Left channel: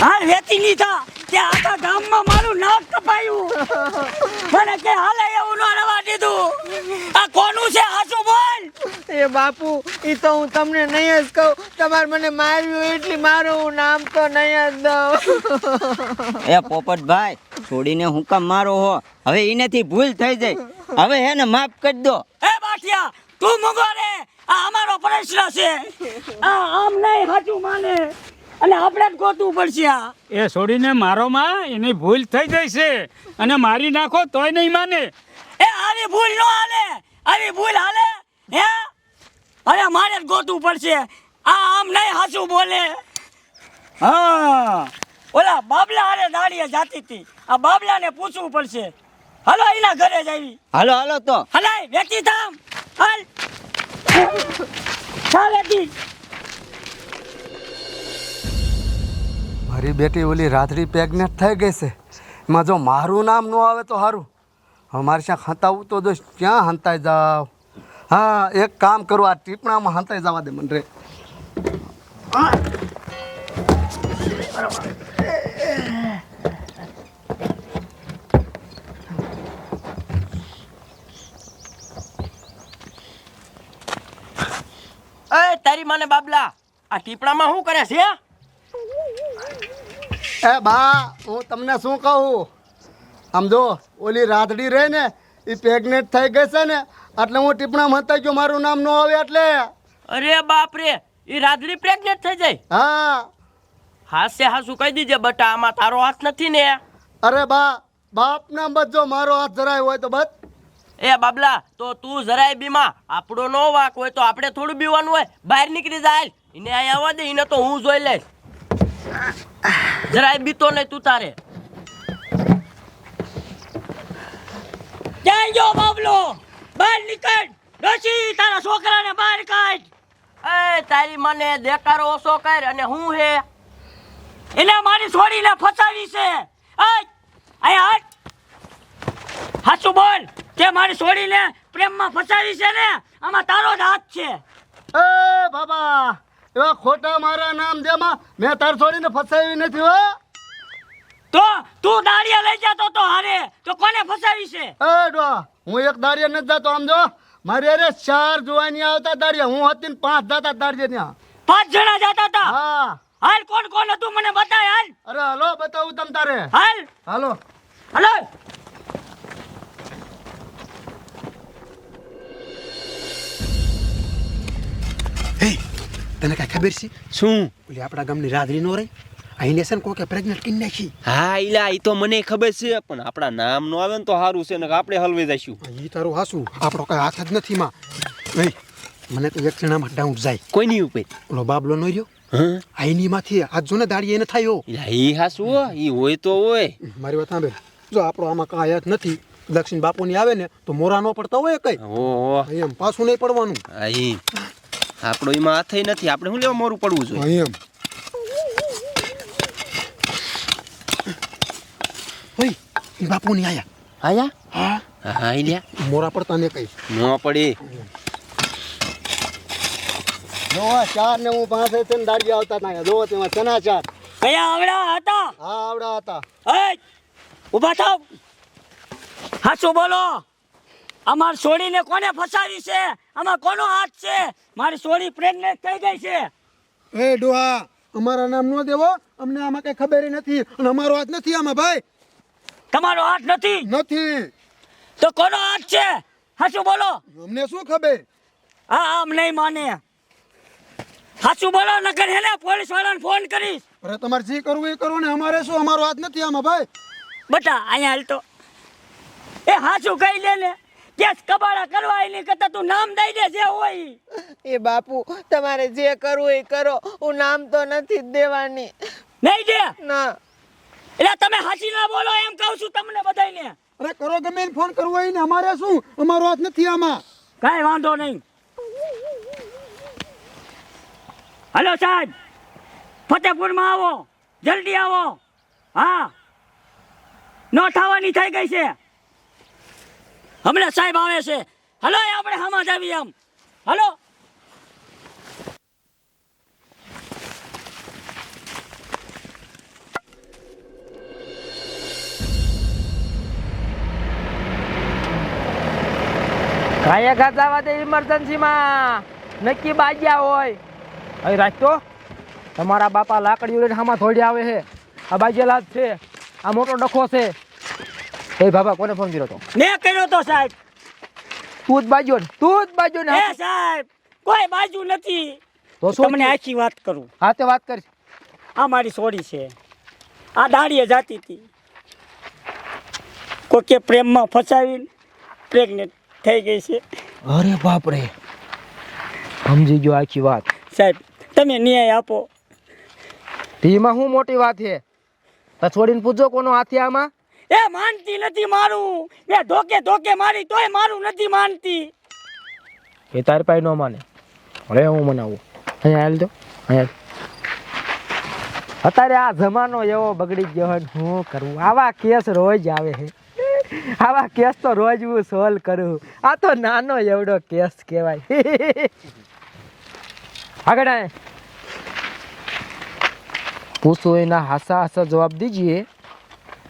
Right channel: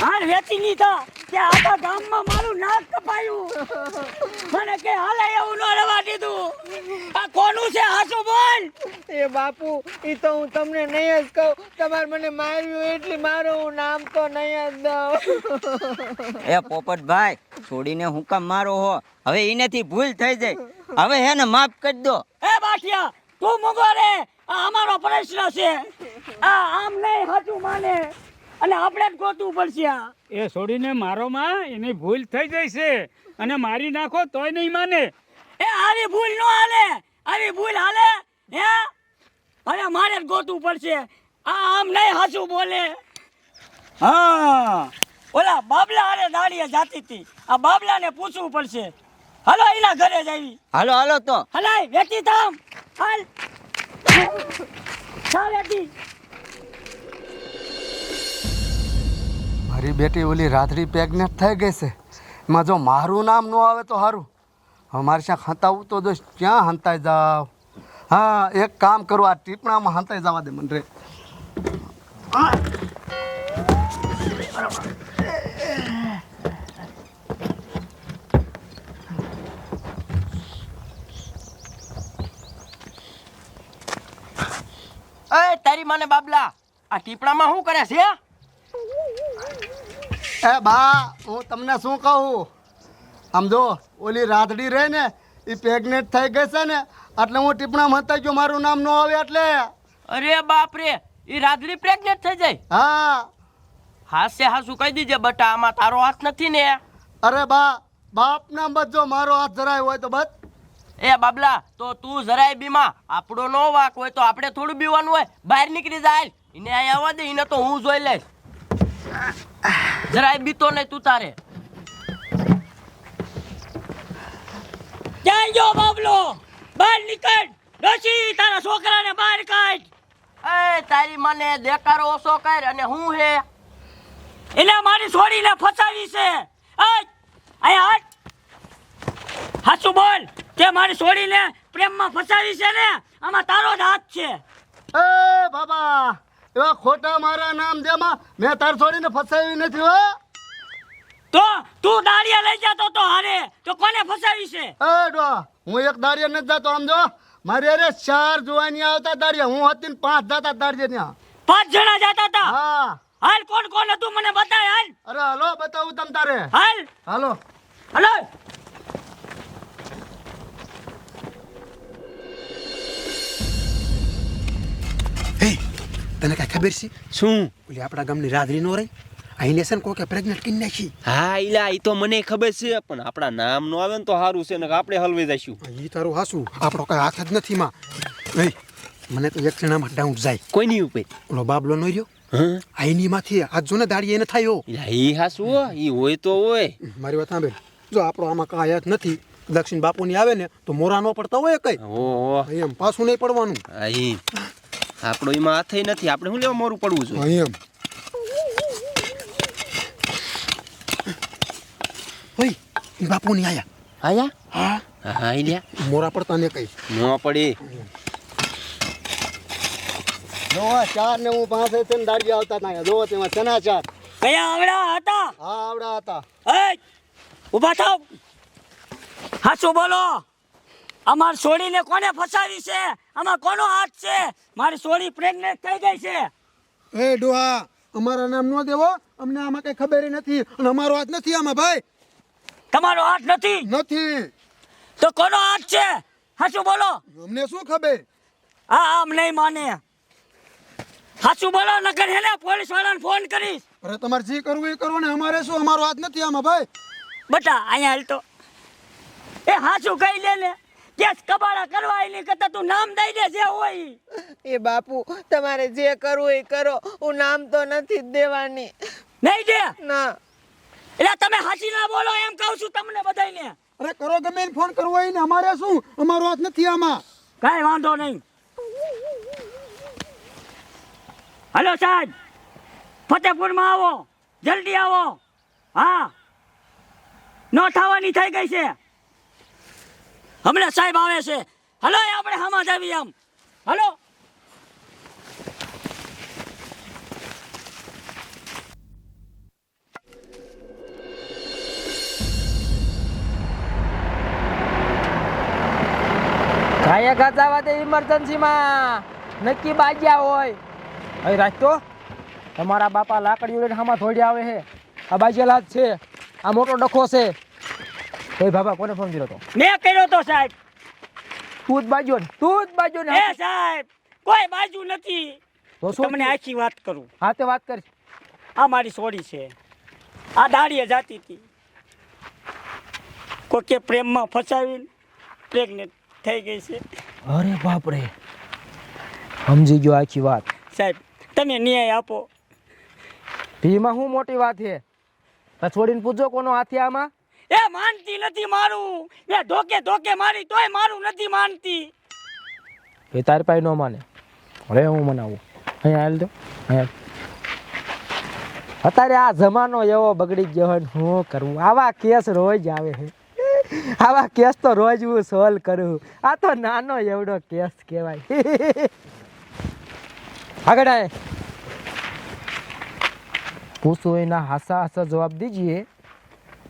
હા વેચી ની થા કે આખા ગામમાં મારું નાક કપાયું. મને કે હાલે એવું ન રવા દીધું. આ કોનું છે હાસુ બોલ. એ બાપુ ઈ તો હું તમને નહીં જ કહું. તમારે મને માર્યું એટલે મારું હું નામ તો નહીં જ દઉં. એ પોપટભાઈ છોડીને હું કામ મારો હો? હવે એનાથી ભૂલ થઈ જાય, હવે હે ને માફ કરી દો. એ બાઠિયા તું મુગો રે. આ અમારો પ્રશ્ન છે. આ આમ નહીં હાચું માને અને આપણે જ ગોતવું પડશે. આ એ છોડીને મારો માં એની ભૂલ થઈ જાય છે અને મારી નાખો તોય નહીં માને. એ આવી ભૂલ ન હાલે. આવી ભૂલ હાલે હે? હવે મારે જ ગોતવું પડશે. આ આમ નહીં હાચું બોલે. હા ઓલા બાબલા હારે દાડીએ જાતી હતી. આ બાબલાને પૂછવું પડશે. હાલો એના ઘરે જઈ. હાલો હાલો તો. હલાય વેચી થામ. હાલ ચાલ વેચી. મારી બેટી ઓલી રાત્રી પ્રેગ્નેન્ટ થઈ ગઈ છે. એમાં જો મારું નામ ન આવે તો સારું. હવે મારે ત્યાં હંતાવું તો જો ક્યાં હંતાઈ જાવ. હા એક કામ કરું, આ ટીપણામાં હંતાઈ જવા દે મને રે. એ તારી માને બાબલા આ ટીપણામાં શું કરે છે? એ બા હું તમને શું કહું, આમ જો ઓલી રાતડી રહી ને એ પ્રેગ્નેન્ટ થઈ ગઈ છે ને એટલે હું ટીપણામાં હંતાઈ ગયો. મારું નામ ન આવે એટલે. અરે બાપ રે, ઈ રાધડી પ્રેગ્નેન્ટ થઈ જાય? હા હાસે હાસુ કહી દીજે બટા, આમાં તારો હાથ નથી ને? અરે બા બાપના બધ જો મારો હાથ જરાય હોય તો બસ. એ બાબલા તો તું જરાય બીમાં, આપણો નો વાક હોય તો આપણે થોડું બીવાનું હોય. બહાર નીકળી જાય, એને અહીંયા આવવા દે, એને તો હું જોઈ લઈશ. જરાય બીતો નહીં તું તારે. ક્યાં ગયો બાબલો? બહાર નીકળ. ડોશી તારા છોકરાને બહાર કાઢ. એ તારી મને દેકારો ઓછો કર. અને હું હે એને મારી છોડીને ફસાવી છે. અહીંયા હાથ હાચું બોલ કે મારી છોડીને પ્રેમમાં ફસાવી છે ને? આમાં તારો જ હાથ છે. એ બાબા એવા ખોટા મારા નામ દેમાં મેં તાર છોડીને ફસાવી નથી હો. તો તું દાડિયા લઈ જતો તો હારે તો કોને ફસાવી છે? એ ડો હું એક દાડિયા નથી જતો. આમ જો મારી અરે 4 જુવાની આવતા દાડિયા, હું હતી ને 5 જતા દાડિયા ત્યાં. 5 જણા જતા હતા. હા હાલ કોણ કોણ હતું મને બતાય. હાલ અરે હાલો બતાવું તમ તારે. હાલ હાલો હાલો. તને કઈ ખબર છે? શું? ઓલી આપણા ગામની રાધડી નો રહી અહીંને છે ને કોકે પ્રેગ્નેન્ટ કરી નાખી. હા ઈલા ઈ તો મને ખબર છે, પણ આપણા નામ નો આવે ને તો સારું છે ને આપણે હલવાઈ જઈશું. ઈ તારું હાસું, આપણો કઈ હાથ જ નથી માં. નહીં મને તો એક જણામાં ડાઉટ જાય. કોઈની ઉપર? ઓલો બાબલો નો રહ્યો હા આઈની માંથી આજ જો ને દાડી એને થયો. ઈલા ઈ હાસુ હો, ઈ હોય તો હોય. મારી વાત સાંભળ, જો આપણો આમાં કાંઈ હાથ નથી. દક્ષિણ બાપુની આવે ને તો મોરા નો પડતા હોય કઈ. ઓહો એમ પાછું નહીં પડવાનું. આઈ આપણો એમાં હાથય નથી, આપણે શું લેવા મોરું પડવું જોઈએ? એમ ઓય ઈ બાપુની આયા. આયા? હા હા ઈલ્યા મોરા પડતા ને કઈ. નો પડી. જો 4 ને હું 5 છે ને દાડી આવતા હતા. જો તેમાં સના 4. કયા આવડા હતા? હા આવડા હતા. એ ઊભા થાવ. હાચું બોલો. અમાર છોડીને કોને ફસાવી છે? આમાં કોનો હાથ છે? મારી છોડી પ્રેગ્નેન્ટ થઈ ગઈ છે. એ ડોહા અમારા નામ નો દેવો, અમને આમાં કઈ ખબર નથી અને અમારો હાથ નથી આમાં ભાઈ. તમારો હાથ નથી નથી તો કોનો હાથ છે? હાચું બોલો. અમને શું ખબર? હા આમ નહીં માને. હાચું બોલો નકર હેને પોલીસ વાળાને ફોન કરીશ. અરે તમારે જે કરવું એ કરો ને, અમારે શું, અમારો હાથ નથી આમાં ભાઈ. બટા અહીંયા હાલ તો. એ હાચું કહી લે ને. કેસ કબાડા કરવા એની કરતા તું નામ દઈ દે જે હોય ઈ. એ બાપુ તમારે જે કરવું એ કરો, હું નામ તો નથી જ દેવાની. નહીં દે ના એટલે તમે હાચી ના બોલો એમ કહું છું તમને બધાયને. અરે કરો ગમે એને ફોન કરવો હોય ને, અમારે શું, અમારો હાથ નથી આમાં. કાંઈ વાંધો નહીં. હલો સાહેબ, ફતેપુરમાં આવો, જલ્દી આવો. હા નો થવાની થઈ ગઈ છે. હમણાં સાહેબ આવે છે. હલો આપણે હમા જ આવી. આમ હલો. ભાઈએ ગાજાવા દે ઇમરજન્સીમાં નક્કી બાજ્યા હોય અહીં રાખતો તમારા બાપા લાકડીઓ લઈને હામાં ધોડ્યા આવે છે આ બાજેલા જ છે આ મોટો ડખો છે એ બાબા કોને ફોન કર્યો તો મેં કર્યો તો સાહેબ. તું જ બાજ્યો ને એ સાહેબ કોઈ બાજુ નથી. તો શું તમને આખી વાત કરું. હા તે વાત કરી આ મારી સોડી છે. આ દાડીએ જાતી હતી. કોકે પ્રેમમાં ફસાવીને પ્રેગ્નેન્ટ થઈ ગઈ છે. અરે બાપ રે સમજી ગયો આખી વાત સાહેબ તમે ન્યાય આપો. એમાં શું મોટી વાત છે તો છોડીને પૂછો કોનો હાથ છે આમાં એ માનતી નથી મારું. એ ધોકે મારી તોય મારું નથી માનતી. એ તારી પાસે ન માને અરે હું મનાવું અહીંયા હાલ દો અહીંયા અત્યારે આ જમાનો એવો બગડી ગયો હોય ને શું કરવું આવા કેસ રોજ આવે છે આવા કેસ તો રોજ હું સોલ્વ કરું આ તો નાનો એવડો કેસ કહેવાય આગળ આય પૂછો એના હાસા જવાબ દીજીએ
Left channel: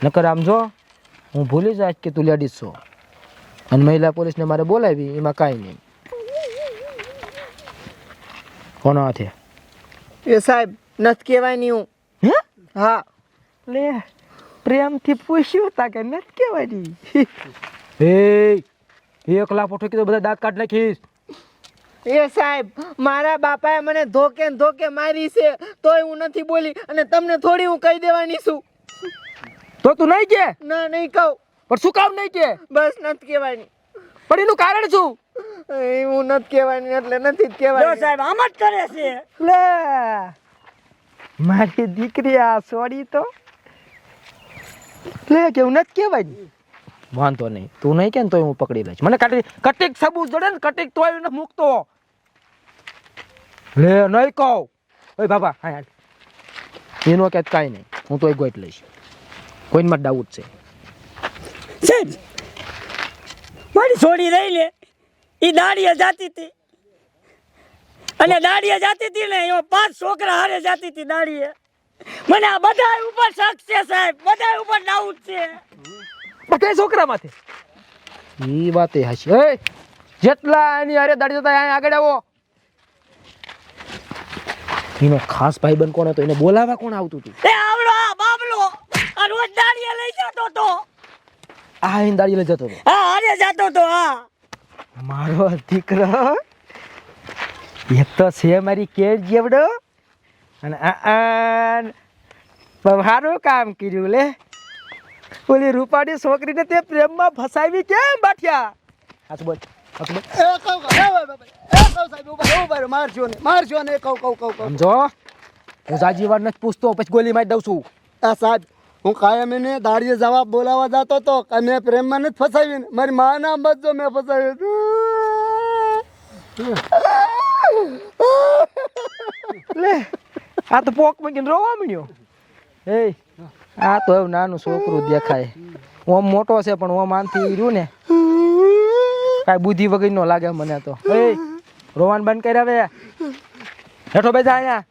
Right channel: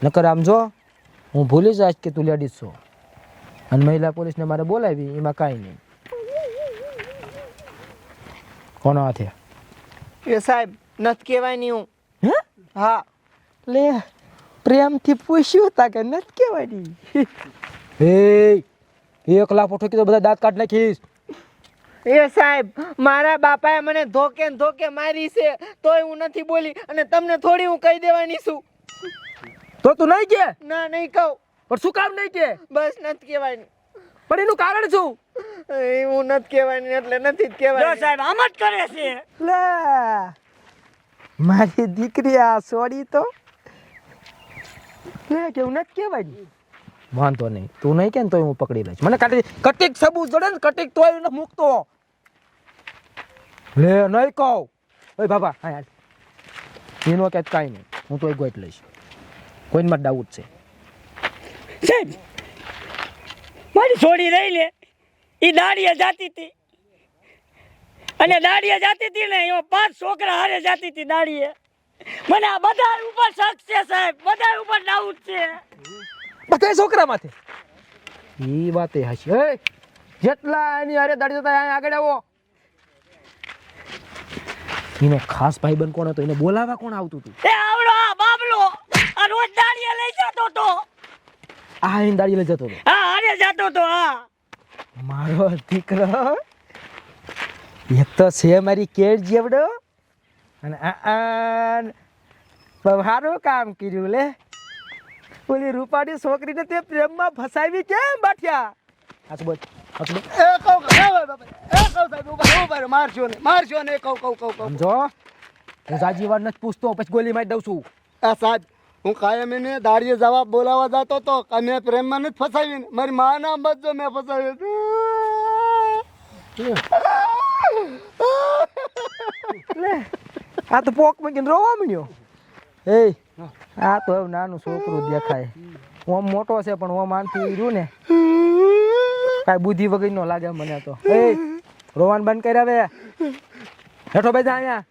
નકર આમ જો હું ભૂલી જઈશ કે તું લેડીઝ છો અને મહિલા પોલીસને મારે બોલાવી એમાં કાંઈ નહીં કોનો હાથે એ સાહેબ નથી કહેવાય નહીં હું. હે હા લે પ્રેમથી પૂછ્યું તા કે નથી કહેવાની એ 1 લાખ ઠોકી તો બધા દાંત કાઢ નાખીશ એ સાહેબ મારા બાપાએ મને ધોકે ને ધોકે મારી છે તોય હું નથી બોલી અને તમને થોડી હું કહી દેવાની છું. તો તું નહીં કે ના નહીં કહું પણ શું કામ નહીં કે બસ નથી કહેવાની. પણ એનું કારણ શું એ હું નથી કહેવાની એટલે નથી જ જો કહેવાની. સાહેબ આમ જ કરે છે. લે મારી દીકરી આ સોડી તો લે કેવું નથી કહેવાય વાંધો નહીં તું નહીં કે ને તોય હું પકડી લઈશ મને કટીક સબૂત જોડે ને કટીક તોય એને મૂકતો લે નહીં કહું ઓય બાબા હા યાર એનો કે કાંઈ નહીં હું તોય ગોઈટ લઈશ કોઈમાં ડાઉટ છે સાહેબ મારી છોડી રહી લે એ દાડીએ જાતી હતી અને દાડીએ જાતી હતી ને એમાં 5 છોકરા હારે જાતી હતી દાડીએ. મને આ બધા ઉપર શક છે સાહેબ. બધા ઉપર ડાઉટ છે. બધા છોકરા માથે એ વાત એ હશે એ જેટલા એની હારે દાડી જતા અહીંયા આગળ આવો એનો ખાસ ભાઈબંધ કોણ હતો એને બોલાવા કોણ આવતું હતું એ આવડો આ બાબલો આ રોજ દાડીએ લઈ જતો તો. આ એને દાડી લઈ જતો હતો હા હારે જતો તો. હા મારો દીકરો એક તો છે મારી કેળ જેવડો અને સારું કામ કર્યું લે ઓલી રૂપાળી છોકરીને તે પ્રેમમાં ફસાવી કેમ બાઠ્યા હાથ બોલ હાથ બોલ એ કહું સાહેબ ઉભા મારજો ને કહું. સમજો હું જાજી વાર નથી પૂછતો પછી ગોલી મારી દઉં છું આ સાહેબ હું કાયમ એને દાડીએ જવાબ બોલાવા જતો તો કે મેં પ્રેમમાં નથી ફસાવી મારી માના બચજો મેં ફસાવી લે આ તો પોક મૂકીને રોવા મળ્યો એ આ તો એવું નાનું છોકરું દેખાય ઓમ મોટો છે પણ ઓમ આમથી રહ્યું ને કાંઈ બુદ્ધિ વગર નો લાગે મને તો એ રોવાનું બંધ કરી હવે હેઠો બેસા અહીંયા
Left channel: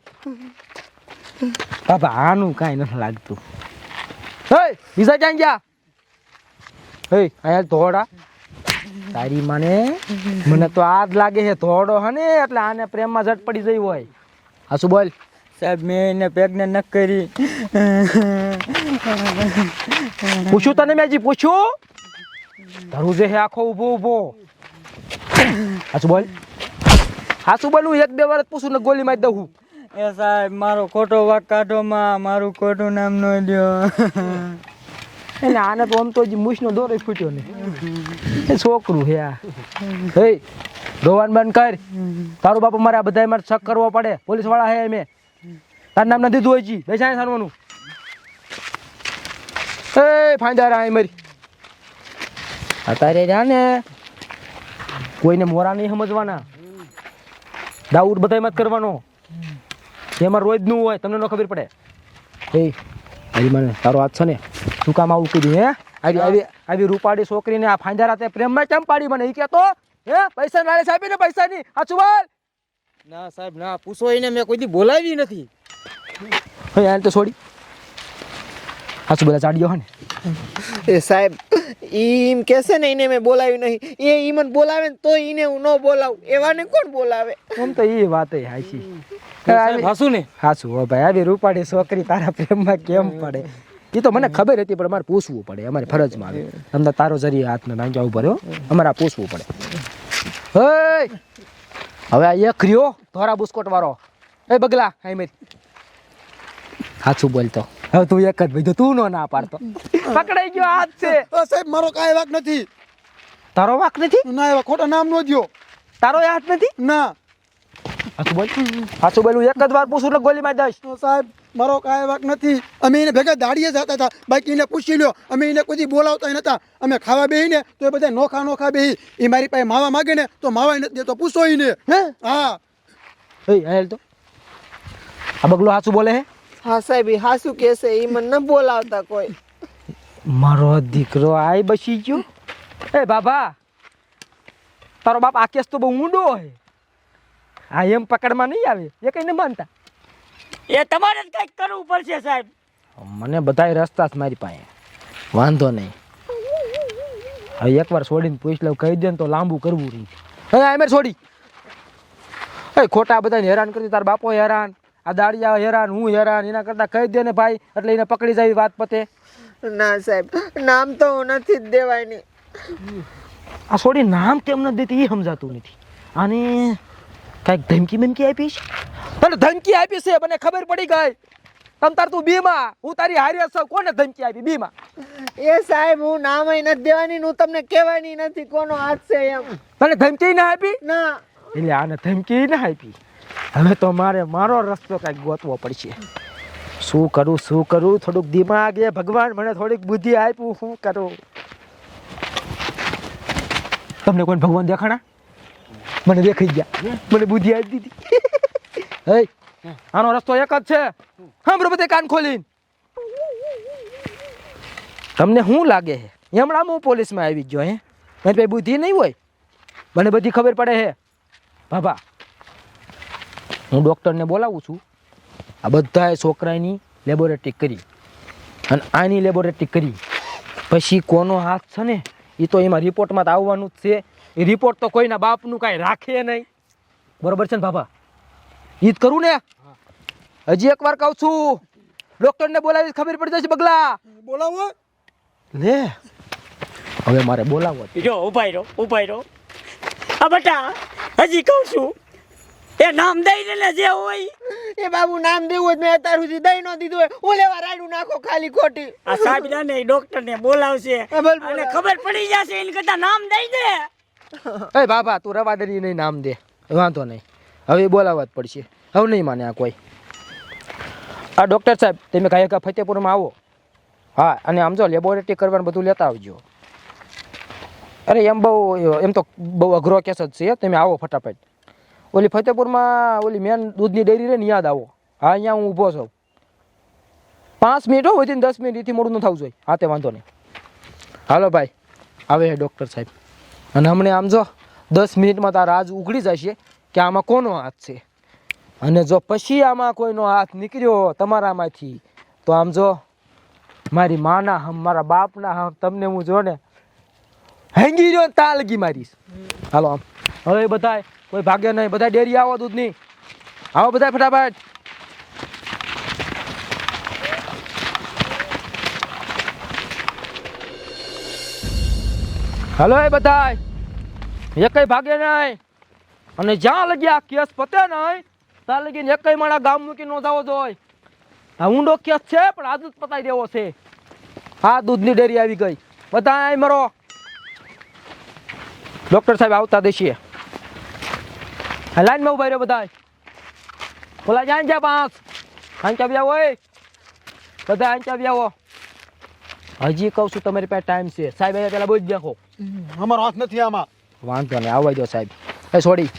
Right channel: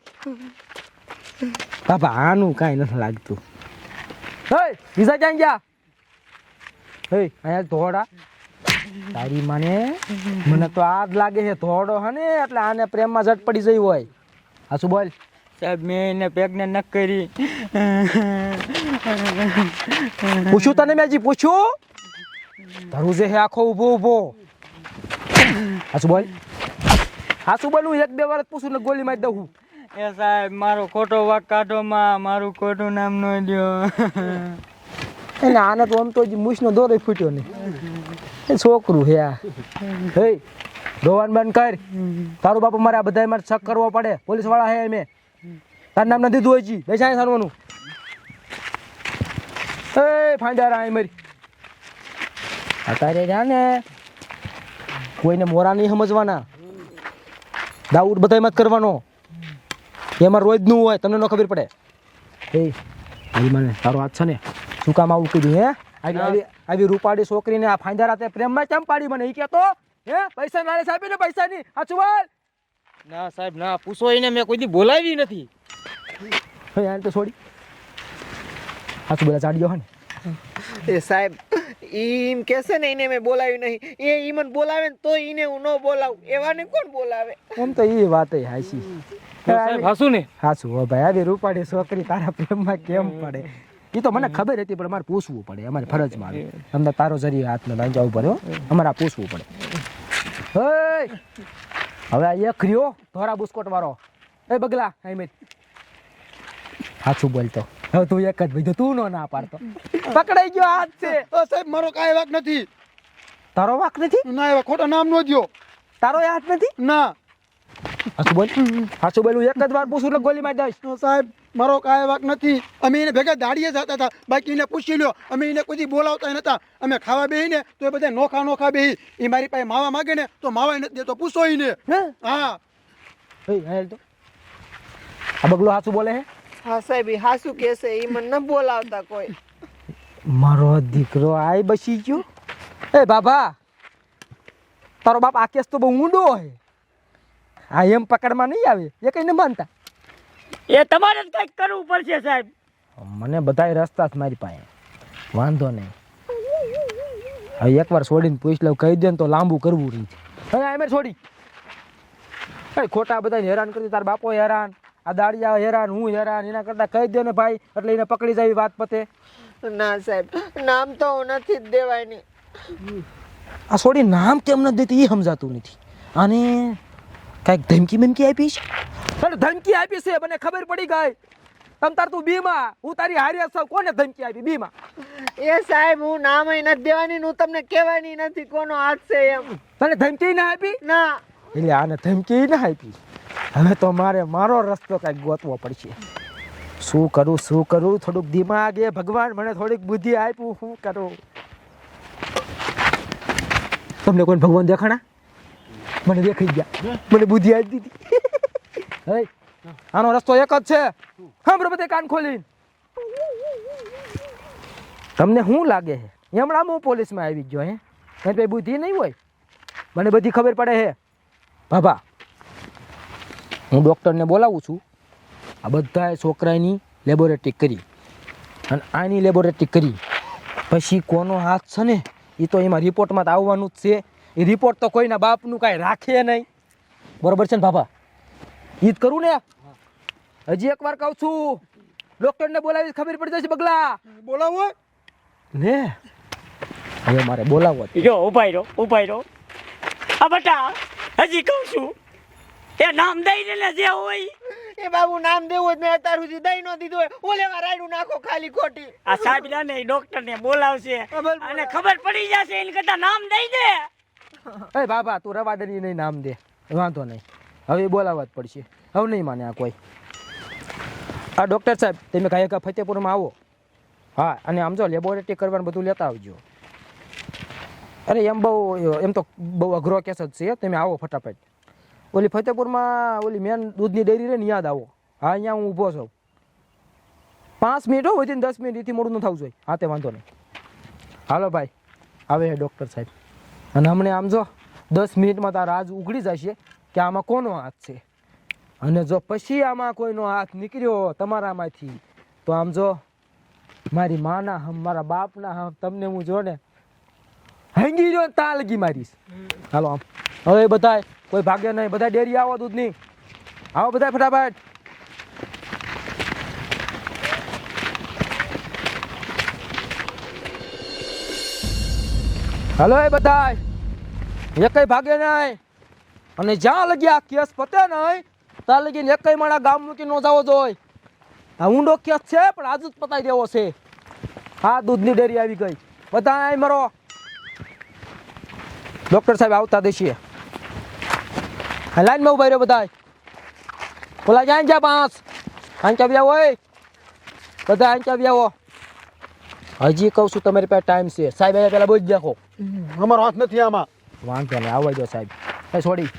બાબા આનું કાંઈ નથી લાગતું હે બીજા ક્યાં ગયા હે અહીંયા ધોડા તારી માને મને તો આ જ લાગે છે ધોડો હે ને એટલે આને પ્રેમમાં ઝટ પડી જઈ હોય હા શું બોલ સાહેબ મેં એને પ્રેગ્નેન્ટ ન કરી. પૂછ્યું તને મેં હજી પૂછ્યું તારું જે હે આખો ઊભો હાચું બોલ હાચું બોલ હું 1-2 વાર પૂછું ને ગોલી મારી દઉં એ સાહેબ મારો ખોટો વાક કાઢો માં મારું ખોટું નામ ન લ્યો. એટલે આને તો આમ તો હજી મૂછનો દોરો ફૂટ્યો નહીં એ છોકરું હે આ હે રોવાનું બંધ કર તારું બાપુ મારે આ બધા મારે શક કરવો પડે પોલીસ વાળા હે મેં તારું નામ નથી દીધું હજી બેસા સારવાનું એ ફાંદાર આ મારી અત્યારે રહ્યા ને કોઈને મોરા નહીં સમજવાના દાઉડ બધા મત કરવાનો એમાં રોજનું હોય તમને ન ખબર પડે એ આવી મને તારો હાથ છે ને શું કામ આવું કીધું હે આવી રૂપાળી છોકરીને આ ફાંદારા તે પ્રેમમાં કેમ પાડી મને એ કહેતો હે પૈસા નાળે સાહેબ ને પૈસા ની સાચું બોલ ના સાહેબ ના પૂછો એને મેં કોઈ દી બોલાવી નથી. હે આને તો છોડી સાચું બધા ચાડ્યો હે ને એ સાહેબ એમ કહેશે ને એને મેં બોલાવ્યું નહીં, એ મને બોલાવે ને તો એને હું ન બોલાવું, એવાને કોણ બોલાવે? આમ તો એ વાત હાસી. હાસુ ને હાસુ હો ભાઈ, આવી રૂપાળી છોકરી તારા પ્રેમમાં કેમ પડે એ તો મને ખબર હતી, પણ અમારે પૂછવું પડે, અમારે ફરજમાં આવે. તમને તારો જરી હાથને નાંજા ઉપર હો, અમારે આ પૂછવું પડે. હવે આ એક રહ્યો ધોરા બુસ્કોટ વાળો, એ બગલા હાઈમેર હાચું બોલતો. હવે તું એક જ ભાઈ, તું નો ના પાડતો. પકડાઈ ગયો હાથ છે. સાહેબ મારો કાંઈ વાક નથી. તારો વાક નથી? ના એવા ખોટા નામ નો દ્યો. તારો હાથ નથી? ના હાચું બોલ, હાચું બોલું. એક જ વાર પૂછું એટલે ગોલી મારી દઈશ. સાહેબ મારો કાંઈ વાક નથી. અમે એને ભેગા દાડીએ જતા હતા, બાકી એને પૂછી લ્યો. અમે એને કોઈ બોલાવતા નતા. અમે ખાવા બેહીને તો એ બધા નોખા બેહી. એ મારી પાસે માવા માગે ને તો માવા નથી દેતો, પૂછો એને. હા એ હાલ તો આ બગલો હાચું બોલે હે? હા સાહેબ, એ હાસુ કહેશે, એ મને ન બોલાવતા કોઈ. મારો દીકરો આય બસી ગયો. એ બાબા, તારો બાપ આ કેસ તો બહુ ઊંડો હોય. આ એમ પકડમાં નહીં આવે, એ કઈ ન માનતા. એ તમારે જ કંઈક કરવું પડશે સાહેબ. મને બધાય રસ્તા જ મારી પાસે, વાંધો નહીં. હવે એકવાર છોડીને પૂછ લઉં, કહી દે ને તો લાંબુ કરવું રહી. હે આમેર છોડી, એ ખોટા બધાને હેરાન કરતી. તાર બાપો હેરાન, આ દાડિયા હેરાન, હું હેરાન. એના કરતા કહી દે ને ભાઈ, એટલે એને પકડી જાય વાત પતે. ના સાહેબ, નામ તો હું નથી જ દેવાની. આ છોડી નામ કેમ નથી દેતી એ સમજાતું નથી. અને કાંઈક ધમકી બમકી આપી છે? તને ધમકી આપી છે, મને ખબર પડી ગઈ. તમ તાર તું બીમાં, હું તારી હારી છું. કોને ધમકી આપી બીમાં? એ સાહેબ, હું નામ નથી દેવાની, હું તમને કહેવાની નથી કોનો હાથ છે એમ. તને ધમકી ના આપી? ના. એટલે આને ધમકી ના આપી. હવે તો મારો રસ્તો કાંઈક ગોતવો પડશે. શું કરું થોડુંક દિમાગ એ ભગવાન મને થોડીક બુદ્ધિ આપ્યું, શું કરું? તમને કોઈ ભગવાન દેખાણા? મને દેખાઈ ગયા, મને બુદ્ધિ આપી દીધી. આનો રસ્તો એક જ છે. સાંભળો બધે કાન ખોલીને. તમને શું લાગે છે હમણાં હું પોલીસમાં આવી ગયો? હે એની પાસે બુદ્ધિ નહીં હોય? મને બધી ખબર પડે છે બાબા. હું ડૉક્ટરને બોલાવું છું. આ બધા છોકરાની લેબોરેટરી કરી અને આની લેબોરેટરી કરી પછી કોનો હાથ છે ને એ તો એમાં રિપોર્ટમાં તો આવવાનું જ છે. એ રિપોર્ટ તો કોઈના બાપનું કાંઈ રાખે નહીં. બરોબર છે ને બાબા? ઈ જ કરું ને? હજી એકવાર કહું છું, ડૉક્ટરને બોલાવી ખબર પડી જશે. બગલા બોલાવો લે, હવે મારે બોલાવો. જો ઉભાઈ રહો. આ બટા, હજી કહું છું, એ નામ દઈ ને જે હોય. એ બાબુ નામ દેવું જ મેં અત્યાર સુધી દઈ ન દીધું હોય. હું લેવા રાડું નાખો ખાલી ખોટી. આ સાહેબ ને ડોક્ટર ને બોલાવશે અને ખબર પડી જશે. એને કરતા નામ દઈ દે. એ બાબા તું રવા દે, નહીં નામ દે, વાંધો નહીં. હવે બોલાવવા જ પડશે. હવે નહીં માને આ કોઈ. આ ડૉક્ટર સાહેબ, તમે કાંઈ ફતેપુરમાં આવો. હા, અને આમ જો લેબોરેટરી કરવાનું બધું લેતા આવજો. અરે એમ તો બહુ અઘરો કેસ જ છે. તમે આવો ફટાફટ. ઓલી ફતેપુરમાં ઓલી મેન દૂધની ડેરી રહે ને, યાદ આવો. હા, અહીંયા હું ઊભો છું. 5 મિનિટ હો, વધી 10 મિનિટ એથી મોડું ન થવું જોઈએ. હા, તે વાંધો નહીં. હાલો ભાઈ, આવે ડૉક્ટર સાહેબ. અને હમણાં આમ જો 10 મિનિટમાં તારા રાજ ઉઘડી જશે કે આમાં કોનો હાથ છે. અને જો પછી આમાં કોઈનો હાથ નીકળ્યો તમારામાંથી તો આમ જો મારી માના હમ, મારા બાપના હમ, તમને હું જો ને હેંગી રહ્યો તાલગી મારીશ. હાલો આમ. હવે બધા કોઈ ભાગ્ય નહીં, બધા ડેરી આવો દૂધની. આવો બધા ફટાફટ. હાલો એ બધા, એકઈ ભાગે નહીં. અને જ્યાં લગી આ કેસ પતે નહીં ત્યાં લગી એકઈ મારા ગામ મૂકી ન જવો જોઈએ. આ ઊંડો કેસ છે પણ આજ જ પતાવી દેવો છે. હા, દૂધની ડેરી આવી ગઈ. બધા મરો. ડૉક્ટર સાહેબ આવતા દેશીએ. લાઈનમાં ઉભા રહ્યો બધા. બોલા જાય જ્યાં 5 આંચા બી આવો. બધા આંચા બી આવો. હજી કહું છું તમારી પાસે ટાઈમ છે. સાહેબ હવે પેલા બોજ દેખો. અમારો હાથ નથી આમાં. વાંધો નહીં, આવવા દો સાહેબ. એ છોડી,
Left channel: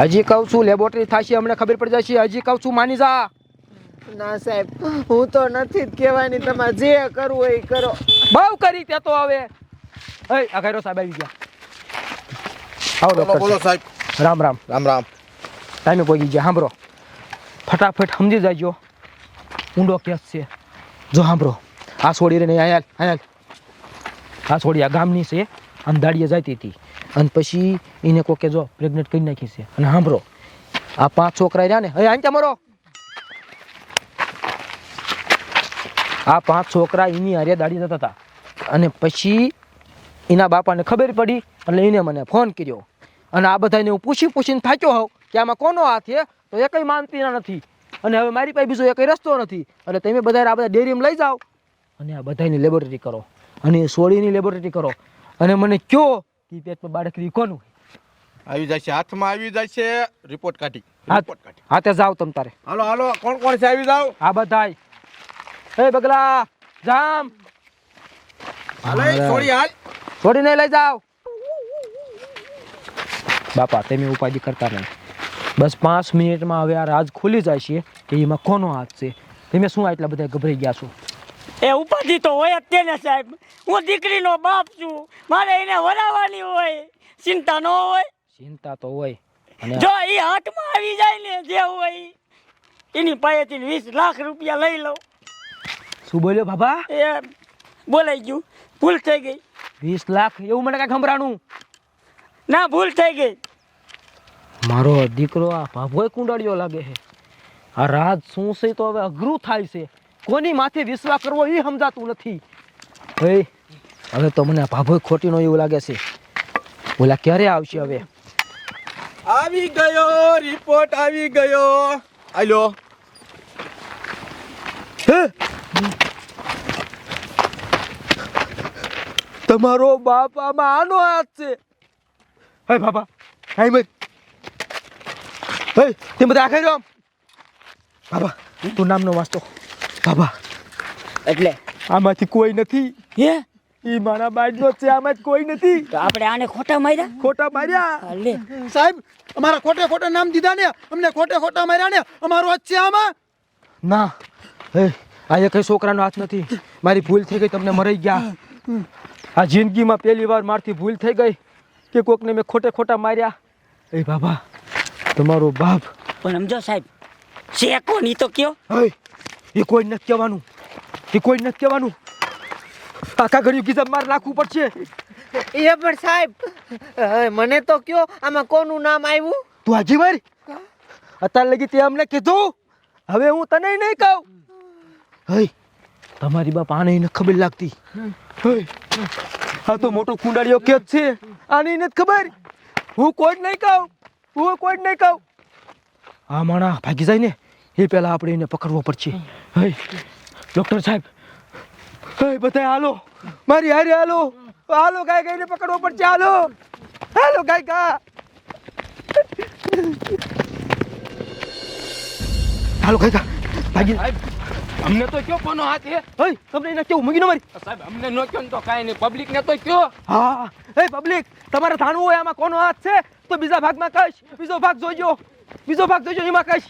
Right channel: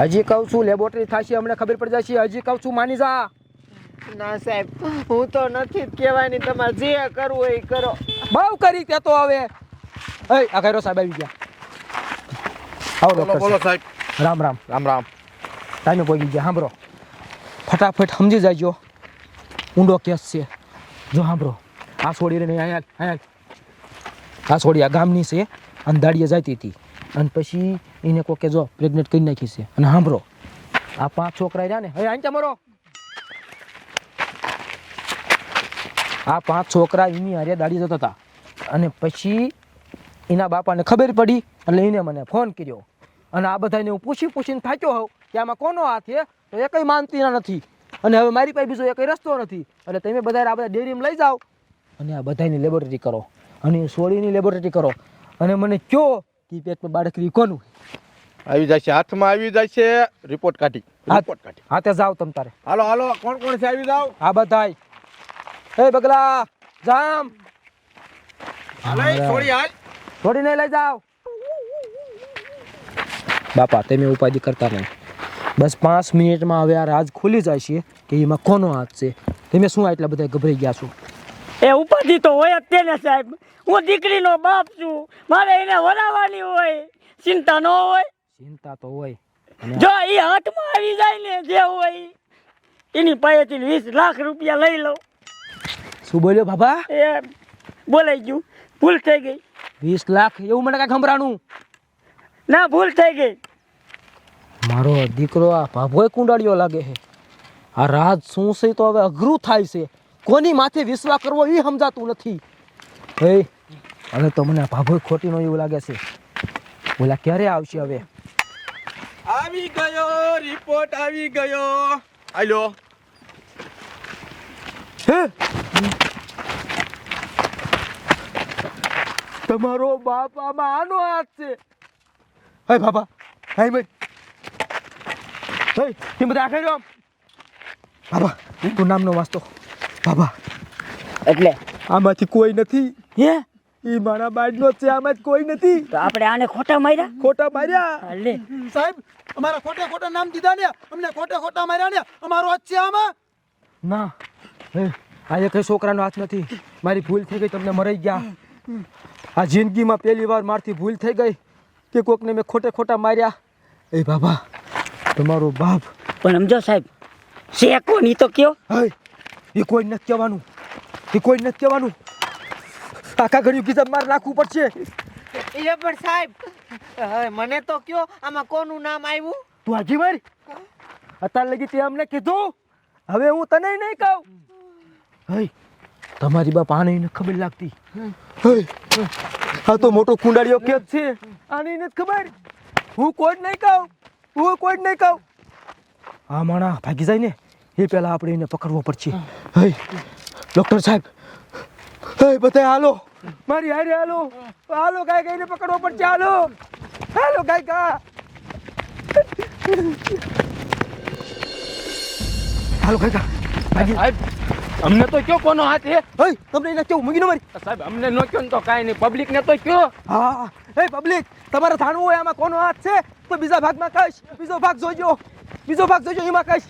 હજી કહું છું લેબોરેટરી થશે, અમને ખબર પડી જશે. હજી કહું છું માની જા. ના સાહેબ, હું તો નથી જ કહેવાની. તમારે જે કરવું હોય એ કરો. બહુ કરી તે તો હવે. એ આ ઘરો સાહેબ આવી ગયા. આવો ડૉક્ટર બોલો સાહેબ. રામ રામ. રામ રામ. ટાઈમે પહોંચી ગયા. સાંભળો, ફટાફટ સમજી જાજો. ઊંડો કેસ છે. જો સાંભળો, આ છોડી રહી નહીં. અહીંયા આ છોડી આ ગામની છે અને દાડીએ જતી હતી અને પછી એને કોકે જો પ્રેગ્નેન્ટ કરી નાખી છે. અને સાંભળો આ 5 છોકરા રહ્યા ને હવે આંચા મરો આ 5 છોકરા એની હારે દાડી જતા હતા અને પછી એના બાપાને ખબર પડી એટલે એને મને ફોન કર્યો અને આ બધાને હું પૂછીને થાક્યો હોઉં કે આમાં કોનો હાથ છે તો એ કંઈ માનતી નથી અને હવે મારી પાસે બીજો એકઈ રસ્તો નથી એટલે તમે બધા આ બધા ડેરીમાં લઈ જાઓ અને આ બધાની લેબોરેટરી કરો અને સોડીની લેબોરેટરી કરો અને મને કયો કે પેટમાં બાળક રી કોનું આવી જશે હાથમાં આવી જશે રિપોર્ટ કાઢી હાથે જાઓ તમ તારે હાલો હાલો કોણ કોણ છે આવી જાવ આ બધાય એ બગલા જામ હાલે છોડી હાલ છોડીને લઈ જાઓ બાપા તમે ઉપાધિ કરતા નહીં બસ 5 મિનિટમાં હવે આ રાજ ખુલી જાય છે કે એમાં કોનો હાથ છે તમે શું આટલા બધા ગભરાઈ ગયા છો એ ઉપાધિ તો હોય જ તેને સાહેબ. હું દીકરીનો બાપ છું, મારે એને વરાવવાની હોય, ચિંતા ન હોય. ચિંતા તો હોય અને જો એ હાથમાં આવી જાય ને જે હોય એની પાસેથી 20 લાખ રૂપિયા લઈ લો. શું બોલ્યો બાબા એ બોલાઈ ગયું, ભૂલ થઈ ગઈ. 20 લાખ એવું મને કાંઈ ખંભરાણું ના ભૂલ થઈ ગઈ. મારો દીકરો આ ભાભોય કુંડાળીઓ લાગે છે. આ રાજ શું છે તો હવે અઘરું થાય છે. કોની માથે વિશ્વાસ કરવો એ સમજાતું નથી. હવે તો મને આ ભાભોય ખોટીનો એવું લાગે છે. ઓલા ક્યારે આવશે હવે? આવી ગયો રિપોર્ટ આવી ગયો. આલ્યો તમારો બાપ આમાં આનો હાથ છે. હે બાબા હે મર હે તે બધા આખે રહ્યો બાબા તું નામનો વાંચતો બાબા એટલે આમાંથી કોઈ નથી. હે ઈ મારા બાજનો છે, આમાં કોઈ નથી. તો આપણે આને ખોટા માર્યા. ખોટા માર્યા લે સાહેબ અમારા ખોટે ખોટા નામ દીધા ને, અમને ખોટે ખોટા માર્યા ને, અમારો હાથ છે આમાં. ના હે આ કઈ છોકરાનો હાથ નથી. મારી ભૂલ થઈ ગઈ, તમને મરાઈ ગયા. આ જિંદગીમાં પહેલી વાર મારથી ભૂલ થઈ ગઈ કે કોકને મેં ખોટે ખોટા માર્યા. એ બાબા તમારો બાપ પણ સમજો સાહેબ છે કોણ ઈ તો કયો. હવે એ કોઈ નથી કહેવાનું, એ કોઈ નથી કહેવાનું. આખા ઘડી ગીઝમ માર નાખવું પડશે. એ પણ સાહેબ મને તો કયો આમાં કોનું નામ આવ્યું? તું હાજી મારી અત્યાર લગી તે અમને કીધું, હવે હું તને નહીં કહું. હે તમારી બાપ આને એને ખબર લાગતી. હે આ તો મોટો કુંડાળીઓ કે છે, આને એને ખબર. હું કોઈ નહીં કહું, હું કોઈ નહીં કહું. આ માણા ભાગી જાય ને એ પહેલા આપણે એને પકડવો પડશે. હે ડૉક્ટર સાહેબ, હે બધા હાલો, મારી હારે હાલો, હાલો ગાય ગાયને પકડવો પડશે. હાલો હાલો ગાય ગા, હાલો ગાય ગા ભાગી. અમને તો કયો કોનો હાથ છે? હે તમને એને કેવું મૂકી ન મારી? સાહેબ અમને નો કયો ને તો કાંઈ નહીં, પબ્લિક ને તો કયો. હા હે પબ્લિક, તમારે જાણવું હોય આમાં કોનો હાથ છે તો બીજા ભાગમાં કહીશ. બીજો ભાગ જોજો, બીજો ભાગ જોજો, એમાં કહીશ.